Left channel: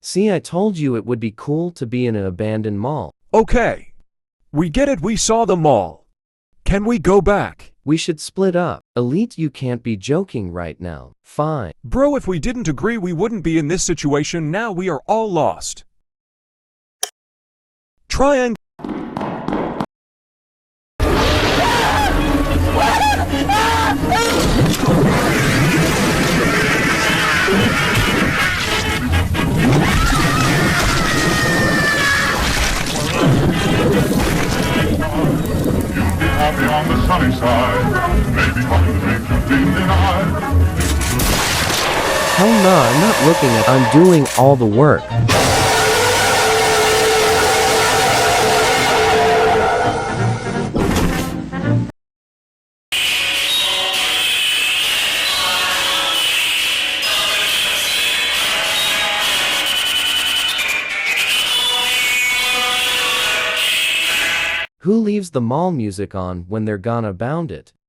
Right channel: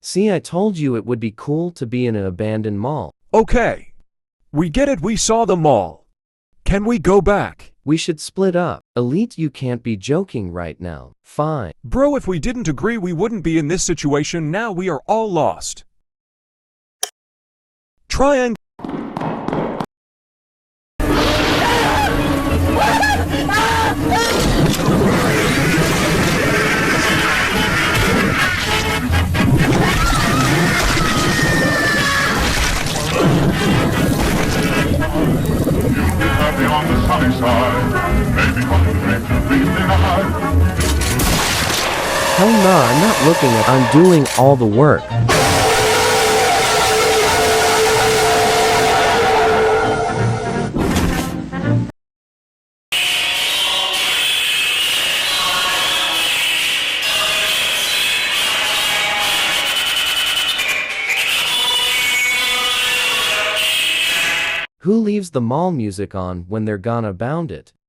See, I told you it would be cool to be in an abandoned mall. Okay. We get it, we saw the mall. Can we go back? We should split up. Elite, you can't be joking right now. Fine. Bro, if we didn't agree, we wouldn't be in this situation. Now we are all lost. Triangle. Happy on the sunny side, maybe on the beach of evening eye. Hell nah, I'm not looking at. I'm doing all the work. Who leaves the mall music on when they're gonna bound it?